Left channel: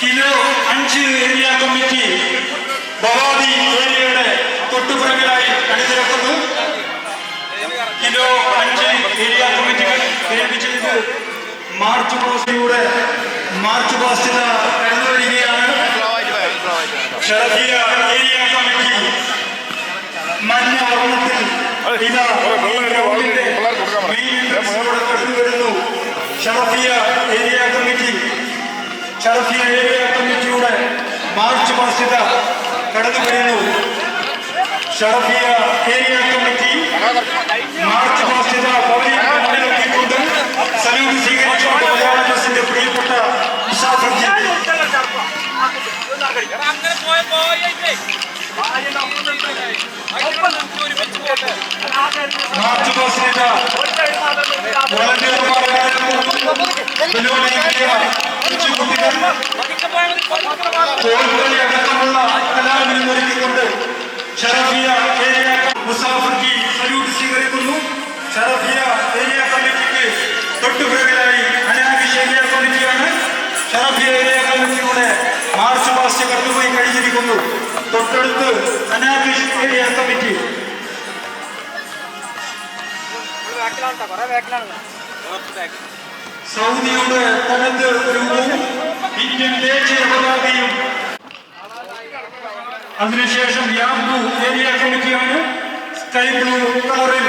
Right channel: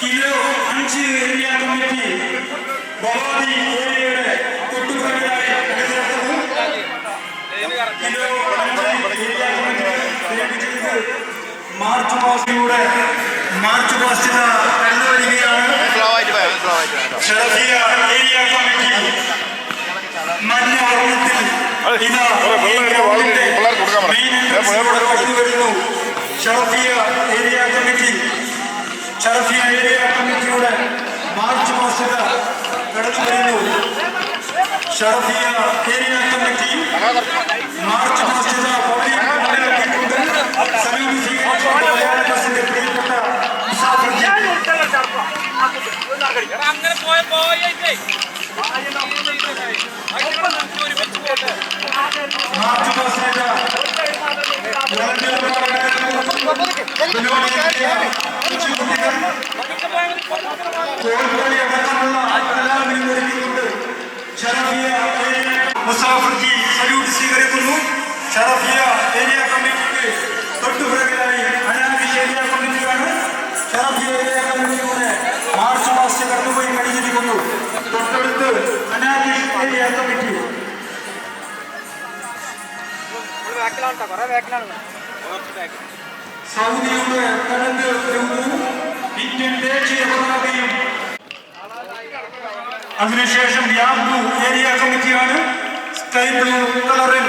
Kilo 5 area committee Bhavani ഏരിയയുടെ തൊട്ടുപുറകിലായി അണിനിരക്കുന്നു. Kilo 5 area കമ്മിറ്റികൾ ഏൽപ്പിച്ചിട്ട് മാർച്ച് പാസ്റ്റിലൂടെ മാർച്ച് പാസ്റ്റ് കടന്നു വരികയാണ്. ഷറഫിയ ഏരിയ കമ്മിറ്റി മഞ്ഞ വർണ്ണത്തിൽ കടന്നു വരുന്നു. ഷറഫിയ ഏരിയ കമ്മിറ്റിയുടെ മാർച്ച് പാസ്റ്റ് കടന്നു വരുന്നു. Sharafiya area committee march past salute സ്വീകരിച്ചുകൊണ്ട് പ്രിയപ്പെട്ട മാർച്ച് പാസ്റ്റ് ഒരുക്കിക്കൊണ്ട് ഷറഫിയ ഏരിയ മുസാഫിർക്ക് സല്യൂട്ട് സ്വീകരിക്കുന്നു. ഷറഫിയ ഏരിയ കമ്മിറ്റിക്ക് തൊട്ടുപിറകിലായി അനാബി ഏരിയ കമ്മിറ്റിയാണ്. ഷറഫിയ ഏരിയ കമ്മിറ്റിയുടെ മാർച്ച് പാസ്റ്റ് കടന്നുപോയി കഴിഞ്ഞിരിക്കുന്നു. തൊട്ടടുത്ത് അനാബി ഏരിയ കമ്മിറ്റി. സൗദിയുടെ തനത് രൂപവും ഇന്ത്യൻ ദേശീയ പതാകയും. അതിനുശേഷം യാംബു ഏരിയ കമ്മിറ്റിയാണ്. സ്കൈ ബ്ലൂ കളറിൽ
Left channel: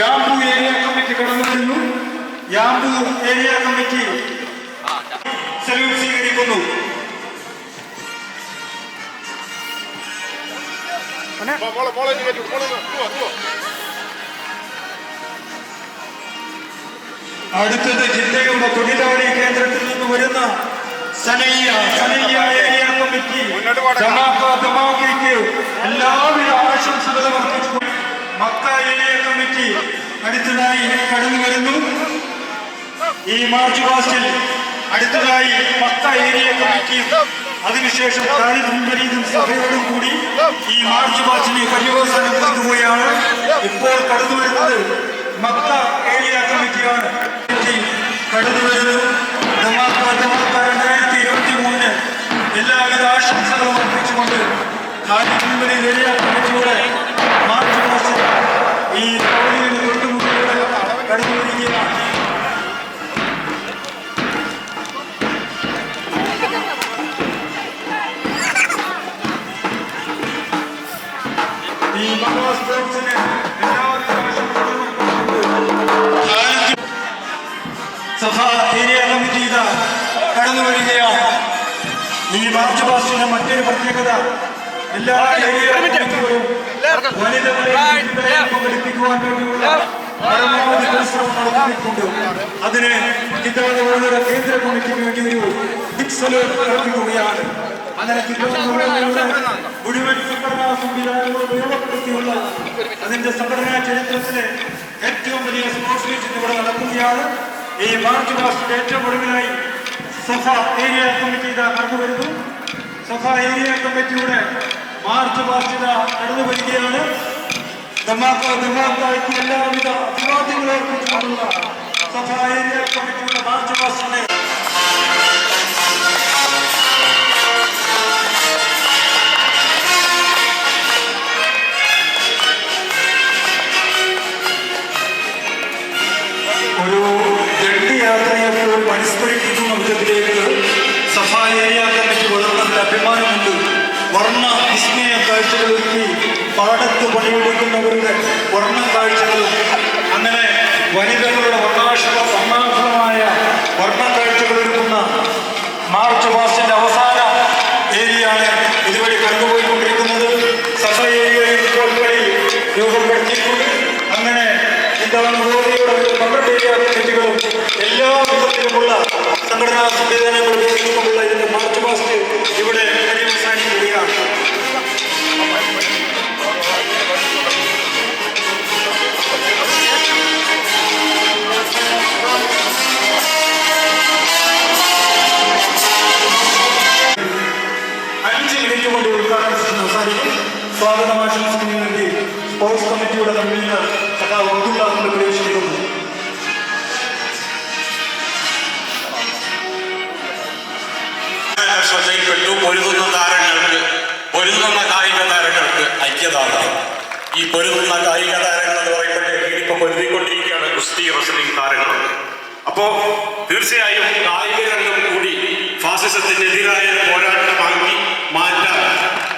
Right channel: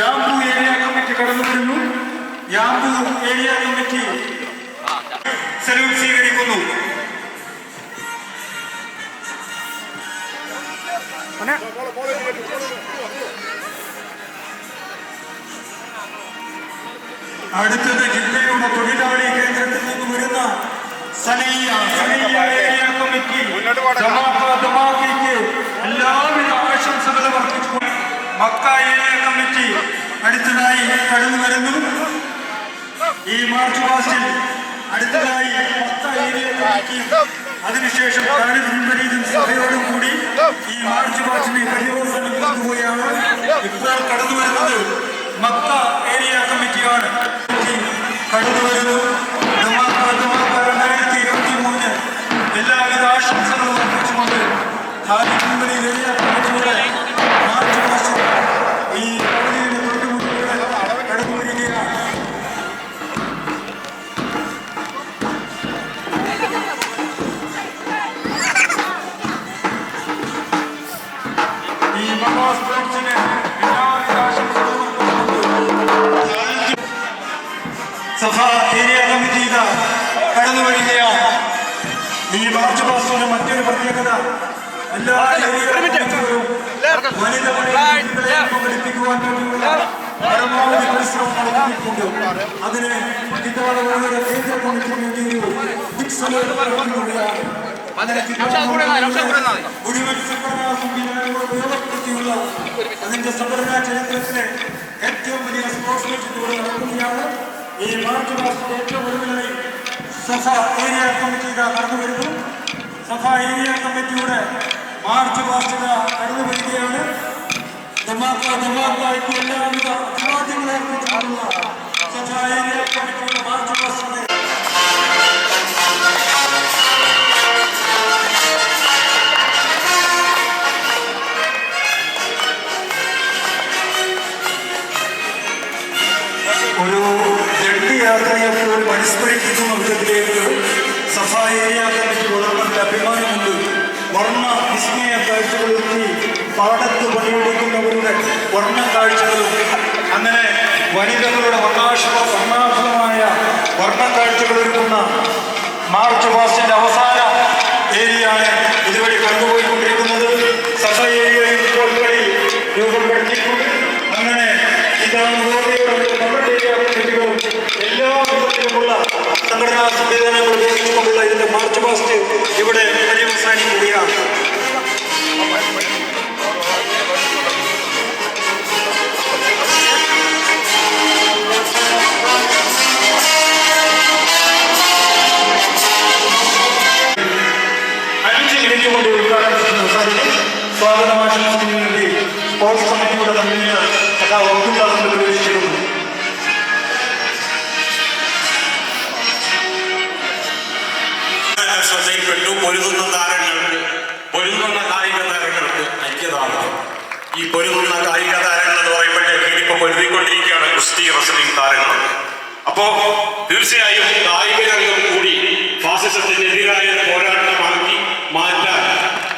യാംബു ഏരിയ കമ്മിറ്റി കടന്നു വരുന്നു. യാംബു ഏരിയ കമ്മിറ്റി സല്യൂട്ട് സ്വീകരിക്കുന്നു. അടുത്തത് ജില്ലയുടെ തൊഴിലാളി കേന്ദ്രത്തിൽ നിന്ന് വരുന്ന സനയ്യ ഏരിയ കമ്മിറ്റി ധമാക്കയ്ക്ക് എല്ലാവിധ ആശംസകളും അർപ്പിച്ചുകൊണ്ട് മക്ക ഏരിയ കമ്മിറ്റി അടുത്തതായി കടന്നു വരുന്നു. ഈ മാർച്ച് പാസ്റ്റിൽ അടുത്തതായി മക്ക ഏരിയ കമ്മിറ്റി അതിനുശേഷം സഭയോടും കൂടി ഈ മാർച്ച് പാസ്റ്റിന് പര്യവസാനം കൊണ്ടുപോയാണ് ഇപ്പോൾ കടന്നു വരുന്നത്. മക്ക ഏരിയ കമ്മിറ്റിയാണ് കടന്നു വരുന്നു. 2023 എല്ലാവിധ ആശംസകളും അർപ്പിച്ചുകൊണ്ട് ഏരിയ കമ്മിറ്റിയുടെ മാർച്ച് പാസ്റ്റ് ഈ തൊട്ടുമുഖിലൂടെ കടന്നു വരികയാണ്. ഈ സ്പോർട്സിന് സഭ ഏരിയ കമ്മിറ്റി കടന്നു വരികയാണ്. ഈ മാർച്ച് പാസ്റ്റിന്റെ മറ്റൊരു പ്രത്യേകത എല്ലാ ഏരിയ കമ്മിറ്റികളും വനിതകളെ പങ്കെടുപ്പിക്കുവാൻ വേണ്ടിയുള്ള പരമാവധി പരിശ്രമം നടത്തിയിട്ടുണ്ട്. അതിന് ഇത്തവണ കേന്ദ്ര കമ്മിറ്റിക്ക് വേണ്ടി ഒരു നടത്തുകയാണ്. മുഴുവൻ സംഘടനാ സംവിധാനങ്ങളും ഉപയോഗപ്പെടുത്തിയുള്ള അതിന്റെ സംഘടനാ ചരിത്രത്തിലെ ഏറ്റവും വലിയ സ്പോർട്സ് മീറ്റ് ഇവിടെ നടക്കുകയാണ്. ഈ മാർച്ച് പാസ്റ്റിന്റെ ഏറ്റവും ഒടുവിലായി സഫ ഏരിയ കമ്മിറ്റി കടന്നു വരുന്നു. സഫ ഏരിയ കമ്മിറ്റിയുടെ മാർച്ച് പാസ്റ്റ് കടന്നു വരികയാണ്. ധമാക്കായ്ക്ക് എല്ലാവിധ അഭിവാദ്യങ്ങളും അർപ്പിച്ചുകൊണ്ടുള്ള സഫ ഏരിയ കമ്മിറ്റിയുടെ മാർച്ച് പാസ്റ്റിനെ ഒരു യാത്രയെപ്പോഴും അനുസ്മരിക്കുന്ന വിധത്തിലേക്ക് സഫ ഏരിയ കമ്മിറ്റി വളർന്നതിൽ അഭിമാനമുണ്ട്. വർണ്ണ വിസ്മയ കാഴ്ചകളൊരുക്കി പാടത്ത് പണിയെടുക്കുന്നവരുടെ വർണ്ണ കാഴ്ചകളും അങ്ങനെ വനിതകളുടെ വർണ്ണാഭമായ വർണ്ണ കാഴ്ചകളൊരുക്കുന്ന മാർച്ച് പാസ്റ്റിന്റെ അവസാന ഏരിയയാണ് ഇതുവഴി കടന്നുപോയിക്കൊണ്ടിരിക്കുന്നത്. സഫ ഏരിയയിൽ ഇപ്പോൾ കളി രൂപപ്പെടുത്തിയിട്ടുണ്ട്. അങ്ങനെ ഇതാണ് കമ്മിറ്റികളും എല്ലാ വിധത്തിലുമുള്ള സംഘടനാ സംവിധാനങ്ങൾ ഉപയോഗിച്ചുകൊണ്ടുള്ള ഇതിന്റെ മാർച്ച് പാസ്റ്റ് ഇവിടെ പര്യവസാനിക്കുകയാണ്. സ്വാഗതം ആശംസിക്കുന്നതിന് വേണ്ടി സ്പോർട്സ് കമ്മിറ്റിയുടെ കൺവീനർ സഖാവ് അബ്ദുള്ളാഹിനെ പ്രവേശിക്കുന്നു. ശ്രദ്ധയിൽപ്പെട്ടു. പൊരുതുന്ന കായിക താരങ്ങൾക്ക് ഐക്യദാർഢ്യം. ഈ പൊരുതുന്ന കായിക താരങ്ങൾ എന്ന് പറയുമ്പോഴേക്കും ഇപ്പൊ പൊരുതിക്കൊണ്ടിരിക്കുകയാണ് ഗുസ്തി റെസ്ലിംഗ് താരങ്ങൾ. അപ്പോ തീർച്ചയായും കായിക രംഗം കൂടി ഫാസിസത്തിനെതിരായ പോരാട്ടമാക്കി മാറ്റാൻ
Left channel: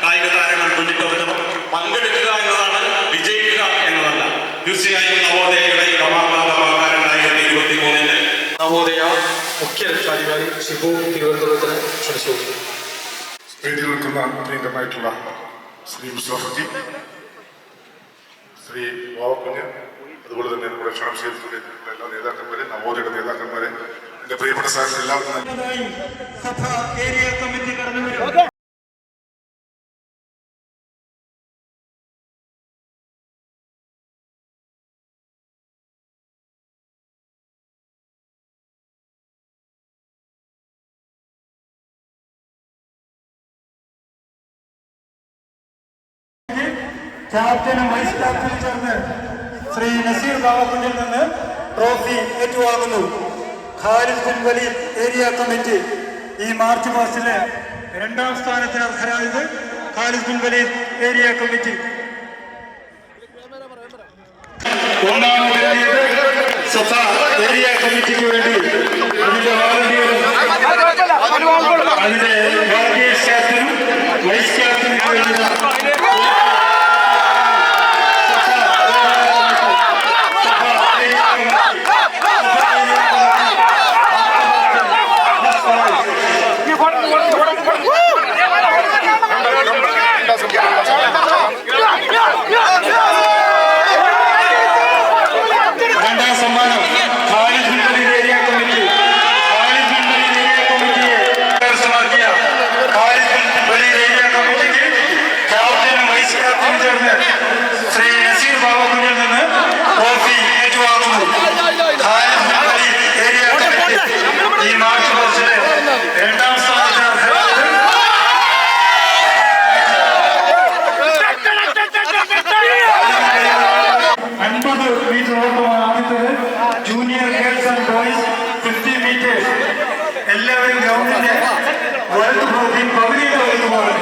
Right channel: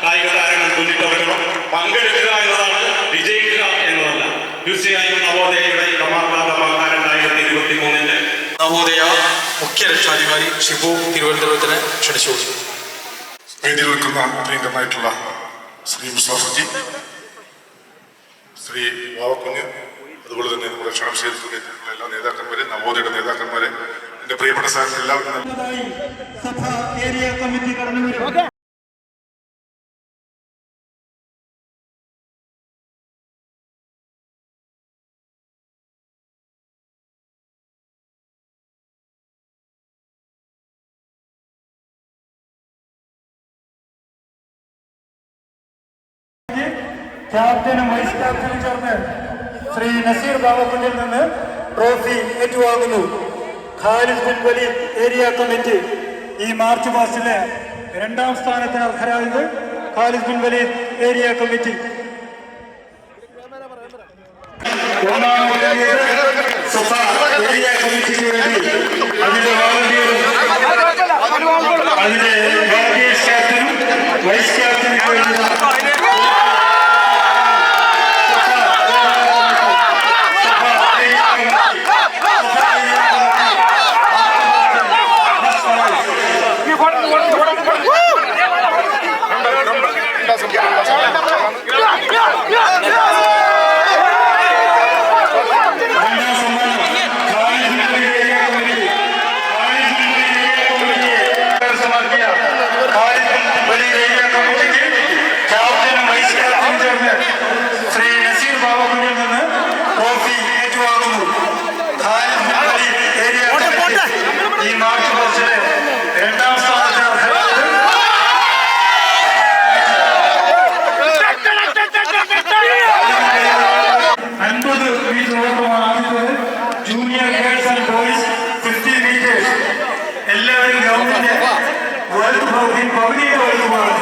കായിക താരങ്ങൾ മുന്നിട്ടിറങ്ങണം. പങ്കെടുക്കുക എന്നതാണ്, വിജയിക്കുക എന്നതല്ല. തീർച്ചയായും നവോദയയുടെ കമാകാരൻ 2023 നവോദയ മുഖ്യ രക്ഷാധികാരി ഷിബു തിരുവനന്തപുരത്തിന് ക്ഷണിച്ചു. വേദിയിൽ നിൽക്കുന്ന പ്രിയങ്കരനായിട്ടുള്ള ശ്രീ മുസ്തഫജി, ശ്രീ വാവക്കുഞ്ഞ്, അതുപോലെ തന്നെ നമ്മുടെ ക്ഷണം ചെയ്തിട്ടുള്ള എല്ലാ നേതാക്കന്മാരെ, നവോദയയുടെ നേതാക്കന്മാരെ, എന്റെ പ്രിയപ്പെട്ട സാറിന് എല്ലാവരും ക്യാപ്റ്റനും വൈസ് ക്യാപ്റ്റനും ചേർന്ന് ശ്രീ നസീർ ബാബക്കുന്നിൽ നിന്ന് ട്രോഫി ഏറ്റുവാങ്ങുന്നു. Khalid bin Walid area committee ഈ മാർച്ച് മാസത്തിലെ 2ാം സ്ഥാനത്തിന് അർഹരായത് Khalid bin Walid area committee. 1ാമത് ഏരിയ കമ്മിറ്റിക്ക് വേണ്ടി അതിന്റെ വോളണ്ടിയറും അതിന്റെ വോളണ്ടിയേഴ്സ് ക്യാപ്റ്റനും വൈസ് ക്യാപ്റ്റനും വേണ്ടി ശ്രീ നസീർ ബാബക്കുന്നിൽ നിന്ന് ട്രോഫി ഏറ്റുവാങ്ങുന്നു. Khalid bin Walid area committee ഈ മാർച്ച് മാസത്തിലെ 2ാം സ്ഥാനത്തിന് അർഹരായത് 50 മീറ്റർ ഓട്ടമാണ് ആദ്യത്തേത്. Junior girls and boys 50 metres. എല്ലാവരും ഗ്രൗണ്ടിന്റെ വലതു ഭാഗത്തിൽ പകുതിയുടെ വലുതുമാണ്.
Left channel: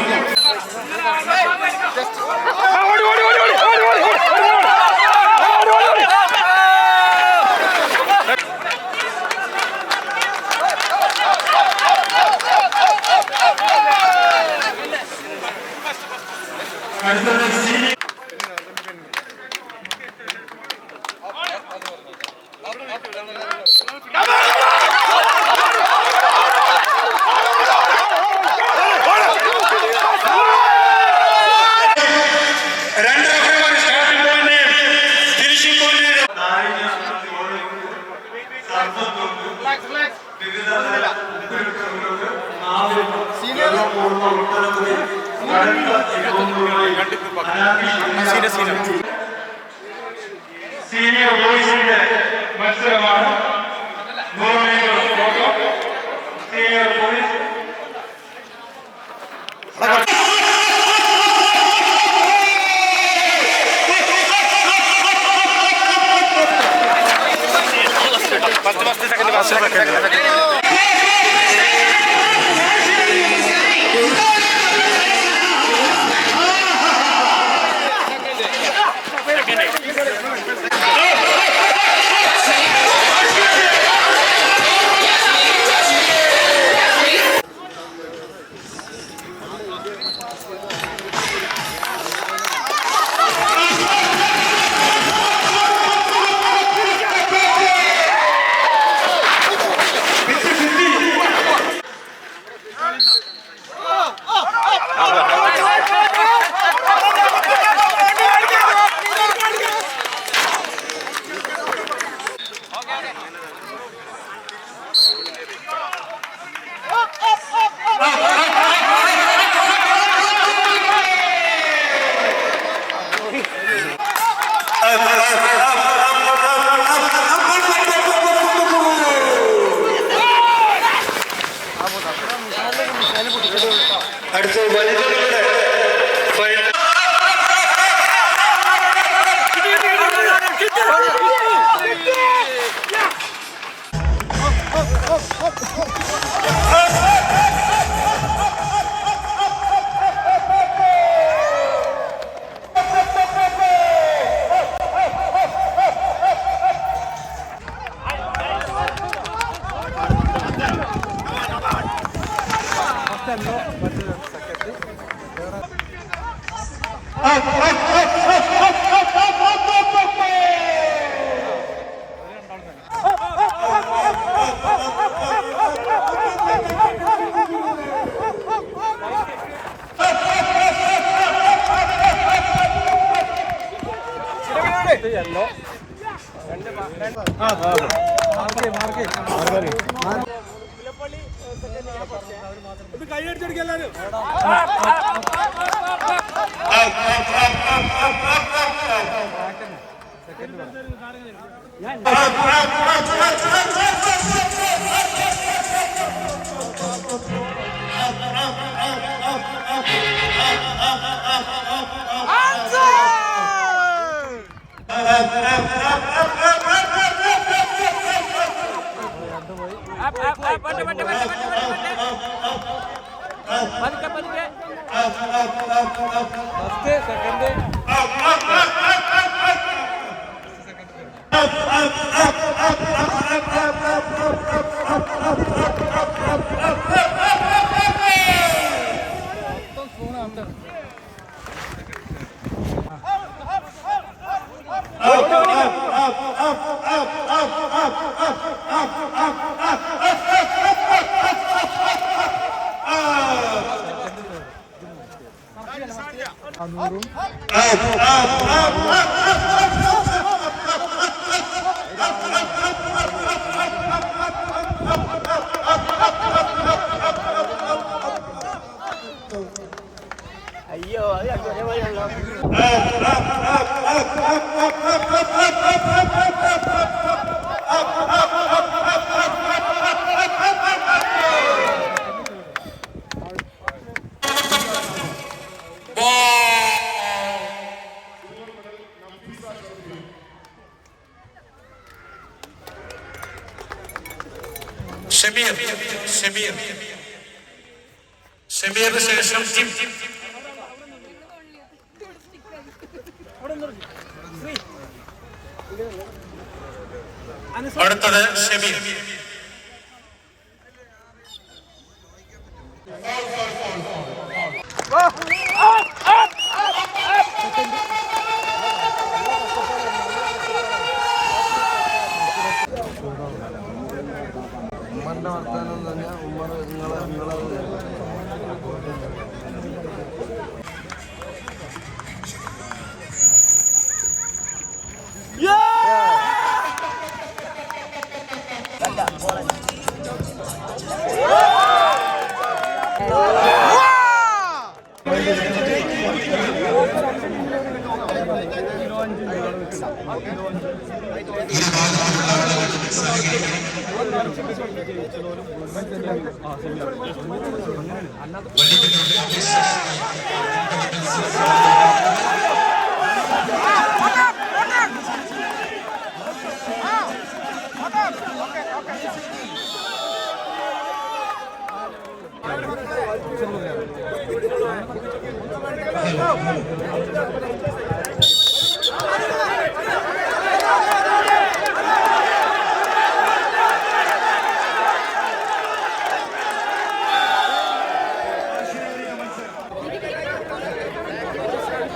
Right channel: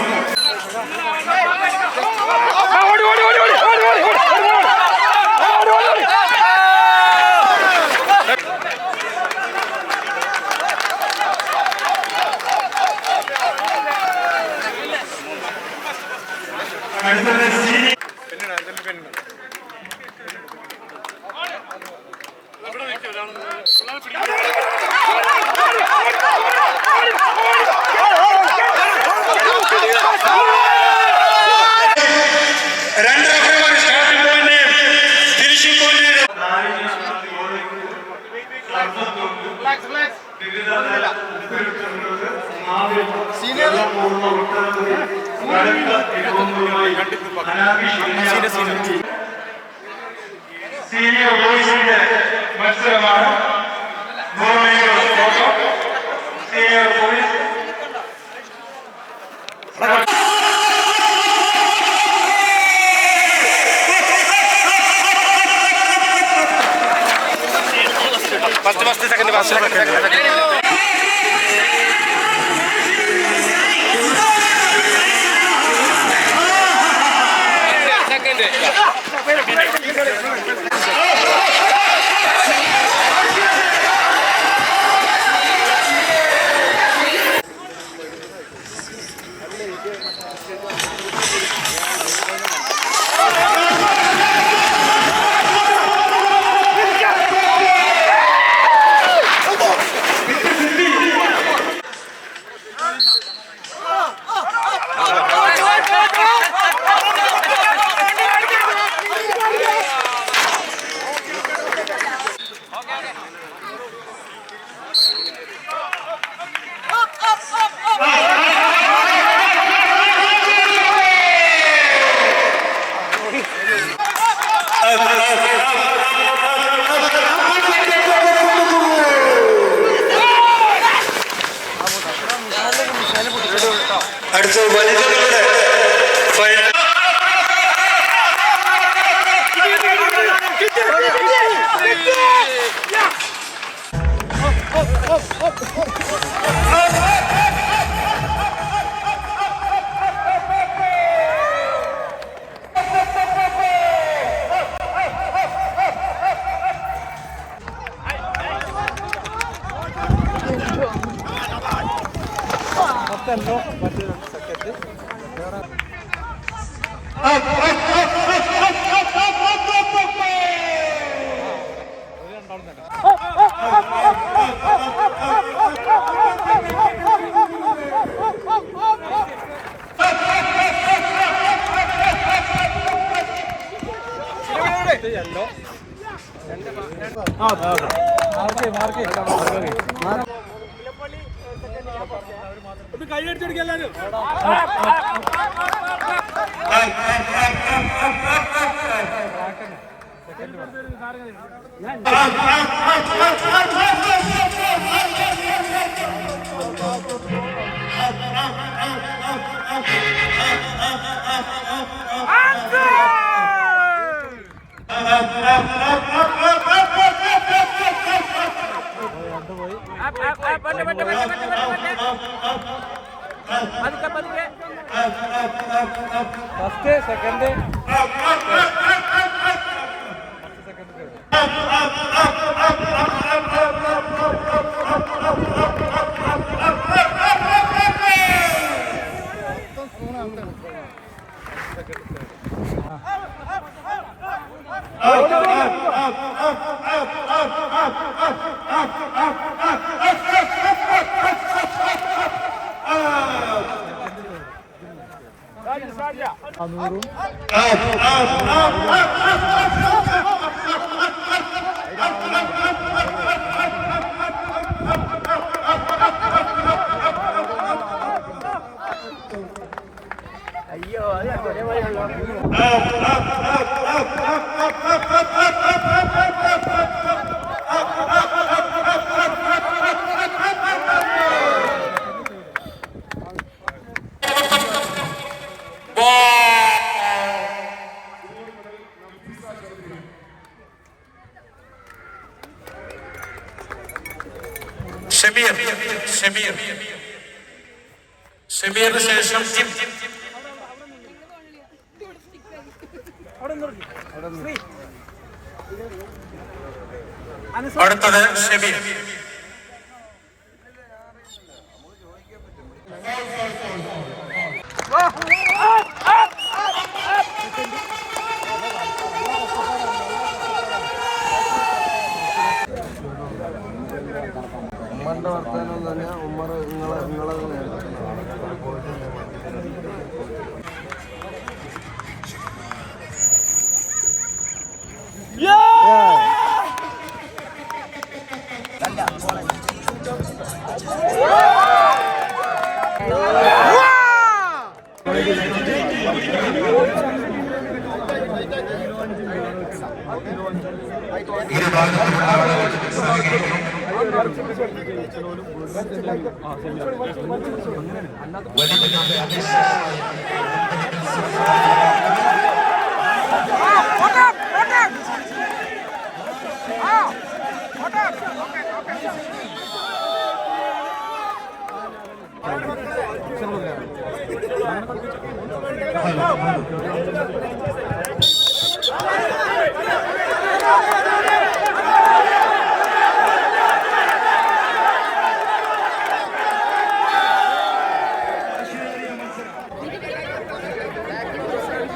സീനിയർ ബോയ്സിന്റെ മത്സരമാണ്. 100 മീറ്റർ ഓട്ടം. സീനിയർ ബോയ്സ് ഫസ്റ്റ് സെക്കൻഡ് ഷമീറിന് ശേഷം അടുത്തത് ഷമീർ. ഉമ്മറിന്റെ വർത്താനം തന്നെ ഉമ്മർ നിങ്ങളെ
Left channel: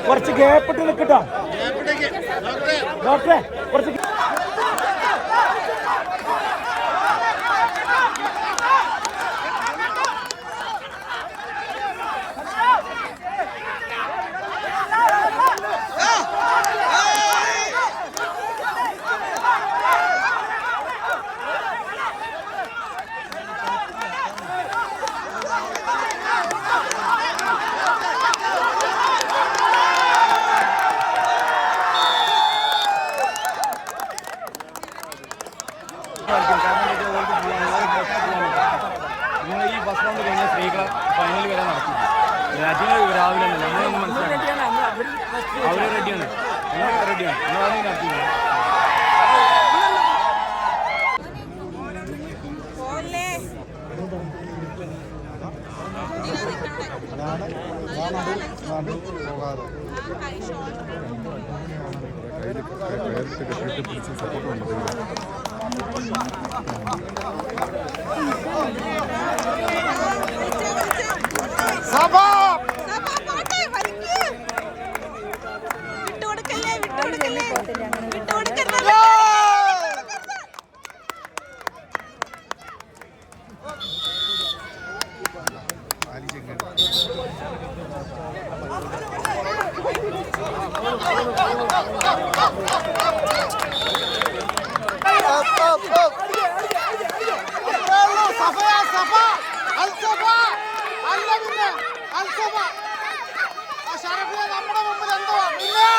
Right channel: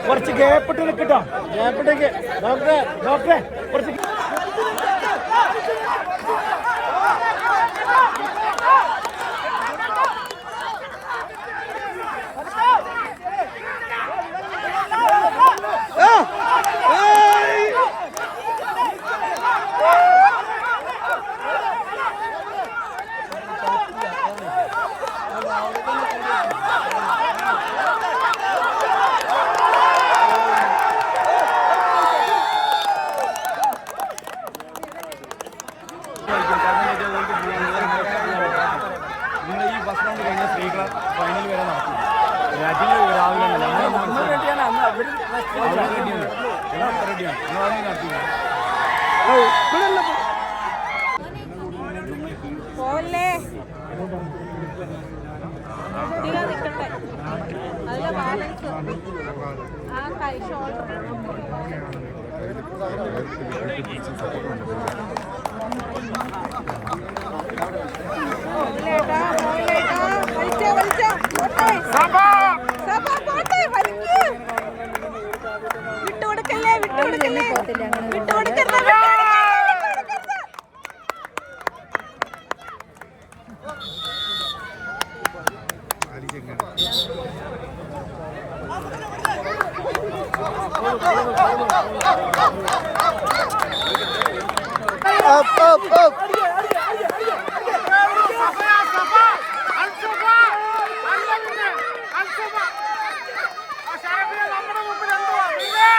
കുറച്ച് ഗ്യാപ്പിട്ട് നിൽക്കട്ടോ. ഡോക്ടറെ കുറച്ച് നിങ്ങൾ ഈ ബസ് റൗണ്ട് കഴിഞ്ഞാൽ സ്ത്രീകൾ ഫൈനൽ വരെ നടക്കും. രാജ്യങ്ങൾ രാവിലെ നമ്മളൊന്നും മനസ്സിലാക്കണം. അവർ റെഡിയാണ്, എല്ലാം റെഡിയാണ്, നമ്മളൊന്നും നടത്തില്ല. നമ്മുടെ മുമ്പിൽ എന്തുവാ പിന്നെ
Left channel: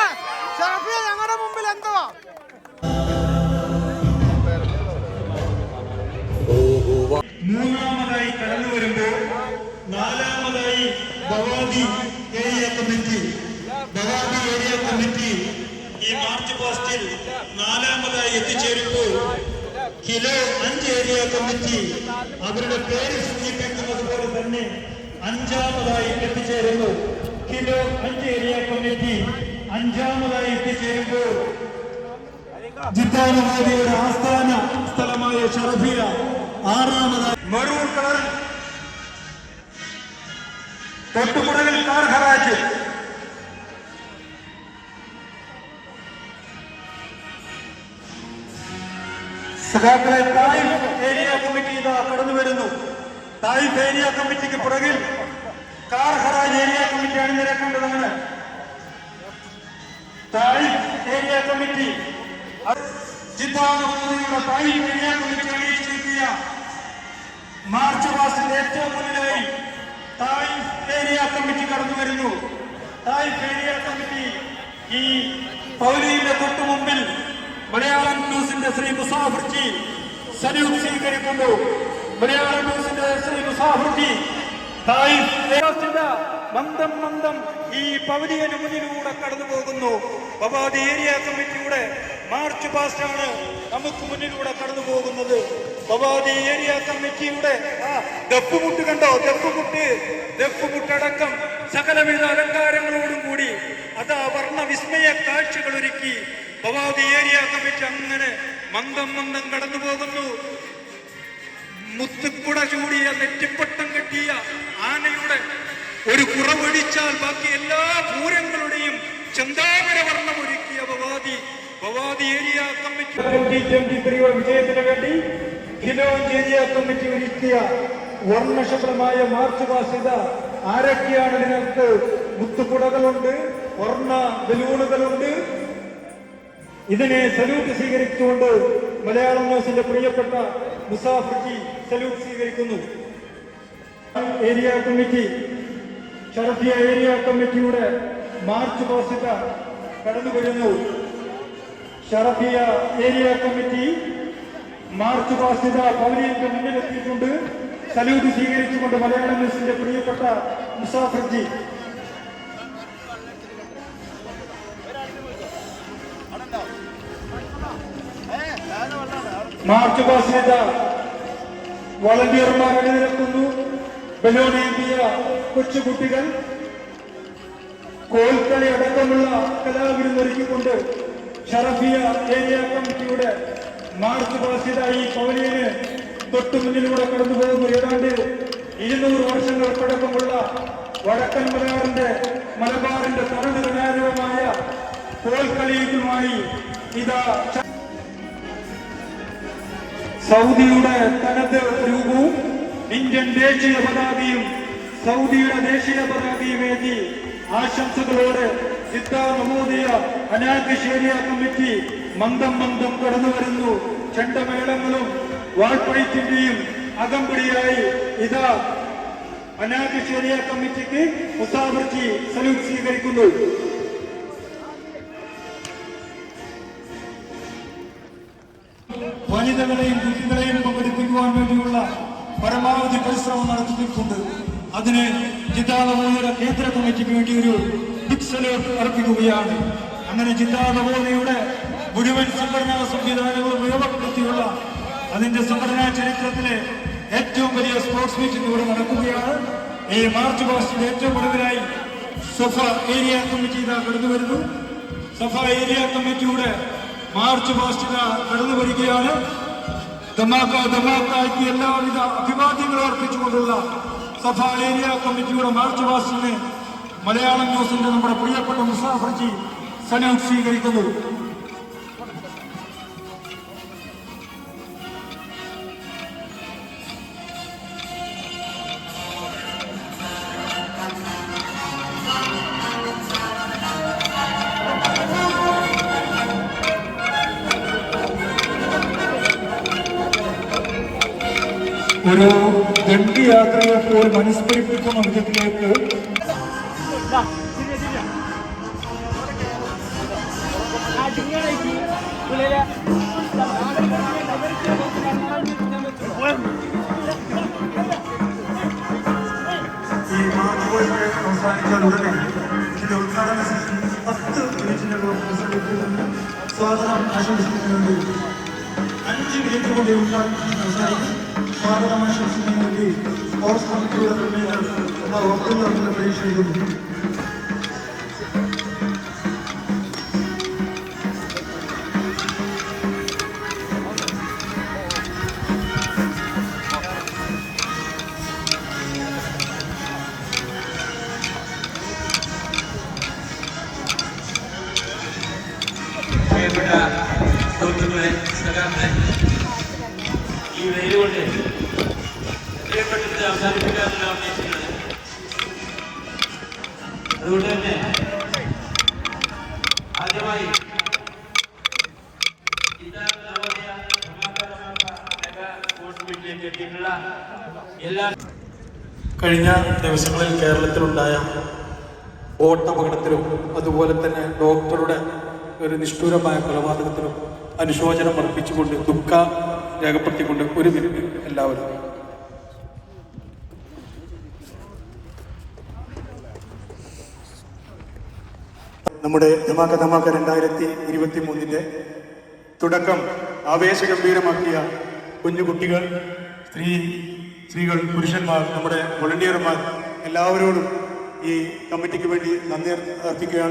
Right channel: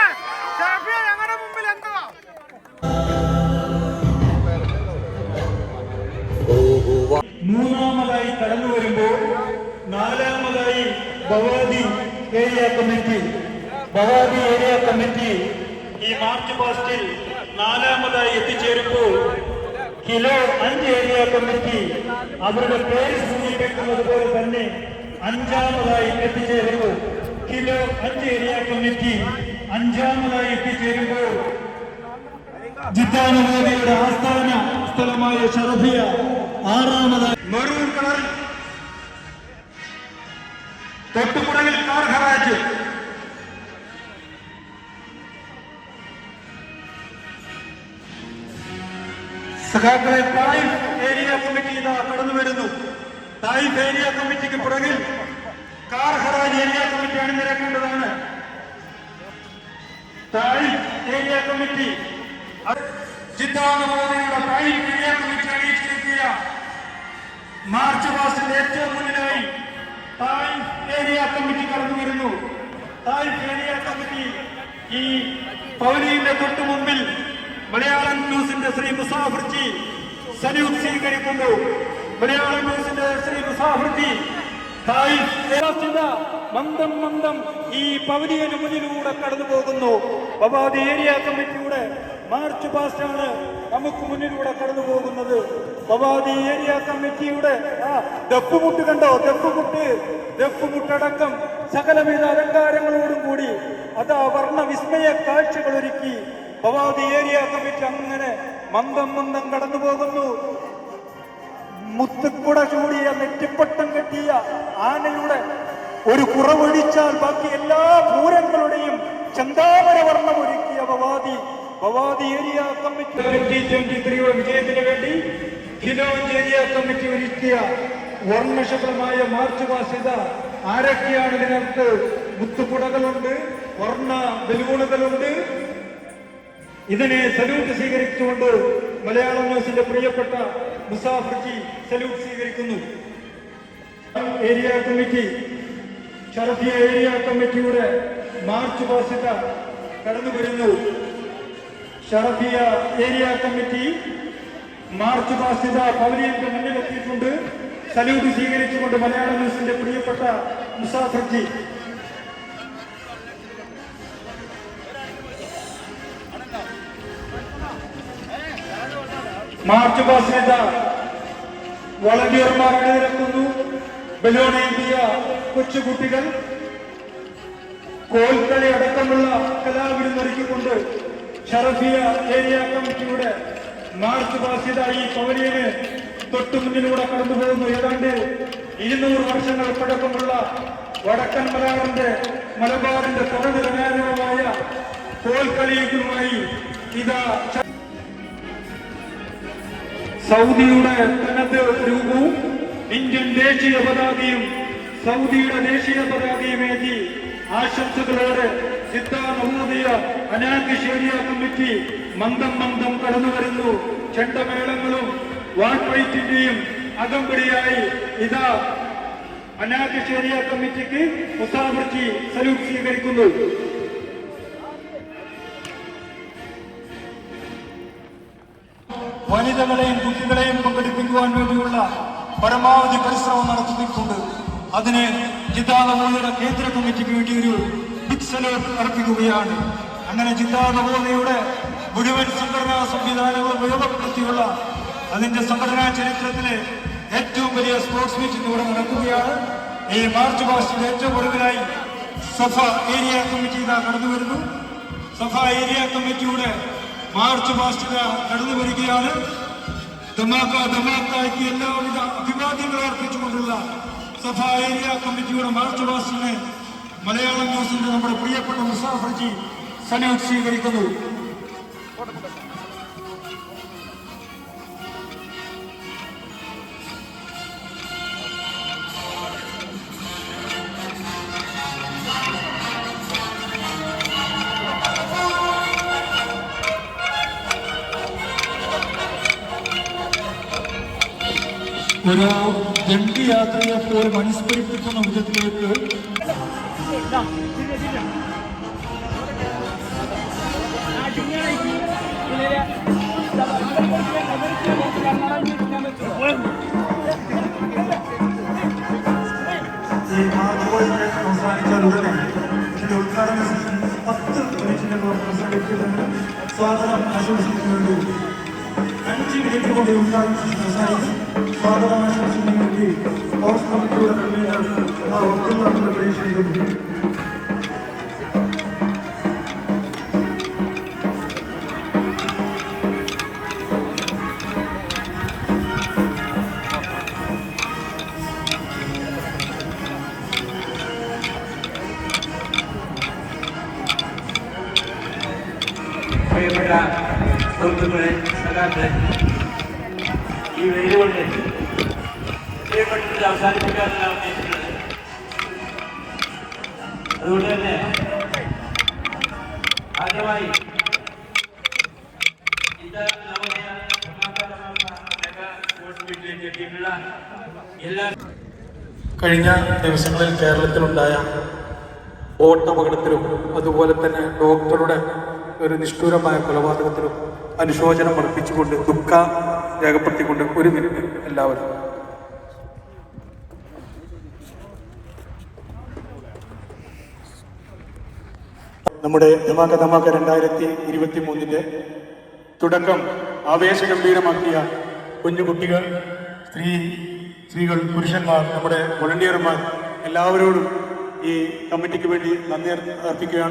ഷറഫിയ ഞങ്ങളുടെ മുമ്പിൽ എന്തുവാ മൂന്നാമതായി കടന്നു വരുമ്പോൾ നാലാമതായി ബവാദി ഏരിയ കമ്മിറ്റി ഈ മാർച്ച് പാസ്റ്റിൽ നാലാമതായി എത്തിച്ചേരുമ്പോൾ കിലോ 5 ഏരിയ കമ്മിറ്റി അവരുടെ പേര് സൂചിപ്പിക്കുന്നത് പോലെ തന്നെ അഞ്ചാമതായി എത്തിച്ചേരുന്നു. കിലോ 5 ഏരിയ കമ്മിറ്റി അഞ്ചാമതായി എത്തിച്ചേരുമ്പോൾ ജിദ്ദാനുവാദിയുടെ ആസ്ഥാന സ്ഥലമായ ഷറഫിയ ആറാമതായി. മറൂർ കളർ തൊട്ടുപുറകിൽ കാർ ഹറാജ് സഖാക്കളെ തായിഫ് ഏരിയ കമ്മിറ്റി ഇതാ കടന്നു വരുന്നു. തായിഫ് ഏരിയ കമ്മിറ്റിക്ക് പുറകിൽ കാർ ഹറാജ് ഏരിയ കമ്മിറ്റിയാണ് നിലക്കേണ്ടതാണ്. തായിഫ് ഏരിയ കമ്മിറ്റി ജിദ്ദാനുവാദിയുടെ തായിഫ് ഏരിയ കമ്മിറ്റി അറിയിച്ചിരിക്കുക. മാർച്ച് പാസ്റ്റിന്റെ ഏറ്റവും മുന്നിലായി തായിഫ് ഏരിയ കമ്മിറ്റി കടന്നു വരുന്നു. തായിഫ് ഏരിയ കമ്മിറ്റി ഈ പൗലിയുടെ തൊട്ടു മുമ്പിൽ മലയാളം ന്യൂസിന്റെ ശ്രീ മുസാഫർജി സല്യൂട്ട് സ്വീകരിക്കുന്നു. മലയാളം ന്യൂസിന്റെ ശ്രീ മുസാഫർജി മന്ദം ഈ പവലിയന് മുന്നിലൂടെ കടന്നു പോകുന്നു. ബവാദി ഏരിയ കമ്മിറ്റിയുടെ മാർച്ച് പാസ്റ്റാണ് നമുക്ക് മുന്നിലൂടെ കടന്നു പോകുന്നത്. ബവാദി ഏരിയ കമ്മിറ്റിയുടെ ദഫ്മുട്ട് കണ്ടോ, ദഫ്മുട്ടടക്കം സകലവിധ അലങ്കാരങ്ങളോടും കൂടി അതാ വർണ്ണവിസ്മയ കാഴ്ചകൾ ഒരുക്കി ബവാദി ഏരിയ കമ്മിറ്റി അങ്ങനെ മന്ദം കടന്നു പോകുന്നു. മുത്തുക്കുട ചൂടിയ നെറ്റിപ്പട്ടം കെട്ടിയ ആനയുടെ ഒരു കുറവൊഴിച്ചാൽ ബാക്കി എല്ലാ പൂരങ്ങളുടെയും ചന്ദാമര വർണ്ണം ഒരുക്കിയ ബവാദി ഏരിയ കമ്മിറ്റി 2023 വിജയത്തിന് വേണ്ടി ഖിലോഞ്ച് ഏരിയ കമ്മിറ്റി ഒരുക്കിയ വർണ്ണശബളമായ മാർച്ച് പാസിത ആരൊക്കെയാണ്? നിങ്ങൾക്ക് മുത്തുകുടകളുണ്ട്, വർണ്ണ ബലൂണുകളുണ്ട്. ഇതിനെ സല്യൂട്ട് സ്വീകരിച്ചുകൊണ്ട് മലയാളം ന്യൂസിന്റെ പ്രിയപ്പെട്ട മുസാഫർജി സല്യൂട്ട് സ്വീകരിക്കുന്നു. ഏരിയ കമ്മിറ്റി ഷറഫിയ ഏരിയ കമ്മിറ്റിയുടെ മാർച്ച് പാസിത കടന്നു വരുന്നു. ഷറഫിയ ഏരിയ കമ്മിറ്റി മാർച്ച് പാസിത പവലിയന്റെ മുന്നിലെത്തിയിട്ടുണ്ട്. സല്യൂട്ട് സ്വീകരിച്ചുകൊണ്ട് മലയാളം ന്യൂസിന്റെ പ്രിയപ്പെട്ട മുസാഫർജി. മാർച്ച് പാസിത വളണ്ടിയർമാർ അണിനിരക്കുന്നു. ബലൂണേന്തിയ കൊച്ചുകുട്ടികൾ കോൽക്കളി അടക്കമുള്ള കലാവിരുന്നൊരുക്കിക്കൊണ്ട് ഷറഫിയ ഏരിയ കമ്മിറ്റിയുടെ മാർച്ച് പാസിത ഈ പവലിയന് തൊട്ടു മുന്നിലൂടെ കടന്നു പോകുന്നു. ഏതാണ്ട് 200 വർഷങ്ങൾ പഴക്കമുള്ള വടക്കൻ മലബാറിന്റെ തനതുമായ കോൽക്കളിയുമായി ഇതാ സൗദിയുടെ തനത് രൂപവും ഇന്ത്യൻ ദേശീയ പതാകയും സൗദിയുടെ ദേശീയ പതാകയുമേറ്റി ആശംസകളോടെ ജിദ്ദാ നവോദയ അനാഖിഷ് ഏരിയ കമ്മിറ്റി മന്ദം കടന്നു വരുന്നു. ചെണ്ടമേളങ്ങളും വാൾപ്പയറ്റിന്റെയും അകമ്പടിയായി ഇതാ അനാഖിഷ് ഏരിയ കമ്മിറ്റിക്ക് മുസാഫർജി സല്യൂട്ട് സ്വീകരിക്കുന്നു. വനിതകളെയും കുട്ടികളെയും പങ്കെടുപ്പിക്കുവാൻ വേണ്ടിയുള്ള പരമാവധി പരിശ്രമം നടത്തിയിട്ടുണ്ട്. അതിന് ജിദ്ദാ നവോദയയുടെ കേന്ദ്ര കമ്മിറ്റിക്ക് വേണ്ടി ഒരു ബിഗ് സല്യൂട്ട് അർപ്പിക്കുകയാണ്. അങ്ങനെ ജിദ്ദാ നവോദയയുടെ മുഴുവൻ സംഘടനാ സംവിധാനങ്ങളും ഉപയോഗപ്പെടുത്തിയുള്ള അതിന്റെ സംഘടനാ ചരിത്രത്തിലെ ഏറ്റവും വലിയ സ്പോർട്സ് മീറ്റ് ഇവിടെ നടക്കുകയാണ്. ഈ മാർച്ച് പാസ്റ്റിന്റെ ഏറ്റവും ഒടുവിലായി സഫ ഏരിയ കമ്മിറ്റി ഇതാ കടന്നു വരുന്നു. സഫ ഏരിയ കമ്മിറ്റിയുടെ മാർച്ച് പാസ്റ്റിത കടന്നു വരികയാണ്. ധമാക്കായ്ക്ക് എല്ലാവിധ അഭിവാദ്യങ്ങളും അർപ്പിച്ചുകൊണ്ടുള്ള സഫ ഏരിയ കമ്മിറ്റിയുടെ മാർച്ച് പാസ്റ്റിനെ മലയാളം ന്യൂസിന്റെ നമ്മുടെ പ്രിയപ്പെട്ട മുസാഫർജി സല്യൂട്ട് സ്വീകരിക്കുന്നു. ഒരു ദണ്ഡിയാത്രയെ പോലും അനുസ്മരിപ്പിക്കുന്ന വിധത്തിലേക്ക് ഈ അവസാനിച്ചാൽ ഉടനെ ഇതിന്റെ ഉദ്ഘാടന സെഷൻ 10 മിനിറ്റിനകം പ്രസംഗിക്കുമെന്ന് സ്വാഗതം ആശംസിക്കുന്നുണ്ട്. 5 മിനിറ്റ് കൊണ്ട് ഉദ്ഘാടന സെഷൻ അവസാനിക്കും. സ്വാഗതം ആശംസിക്കുന്നതിന് വേണ്ടി സ്പോർട്സ് കമ്മിറ്റിയുടെ പ്രതിനിധികൾ ആ ഒത്തുതീർപ്പിൽ പ്രതീക്ഷിക്കുന്നു. പ്രിയപ്പെട്ട സുഹൃത്തുക്കളെ, സഖാക്കളെ, ഈ വെയിലുകൊണ്ട് പ്രിയപ്പെട്ടത് അവസാനിപ്പിക്കാനാണ് ഉദ്ദേശിക്കുന്നത്. അതുകൊണ്ട് തന്നെ ആദ്യമായി സ്പോർട്സ് മീറ്റിലേക്ക് എത്തിയിട്ടുള്ള എല്ലാ കഴിഞ്ഞ ദിവസങ്ങളിൽ കേരളത്തിലുണ്ടായ ബോട്ടപകടത്തിലും അതുപോലെ തന്നെ ഡോക്ടറുടെ ഒരു നിഷ്ഠൂരമായ കൊലപാതകത്തിലും അനുശോചനം അർപ്പിച്ചുകൊണ്ട് ദുഃഖം രേഖപ്പെടുത്തിക്കൊണ്ട് ഒരു മിനിറ്റ് എല്ലാവരും. നമ്മുടെ ധമാക്ക 2023 തുടക്കം ആവേശഗംഭീരമാക്കിയ കുഞ്ഞുകുട്ടികൾ, സ്ത്രീകൾ, പുരുഷന്മാർ, നമ്മുടെ വോളണ്ടിയർമാർ എല്ലാവരോടും ഈ കമ്മിറ്റിക്ക് വേണ്ടി നന്ദി അർപ്പിക്കുകയാണ്.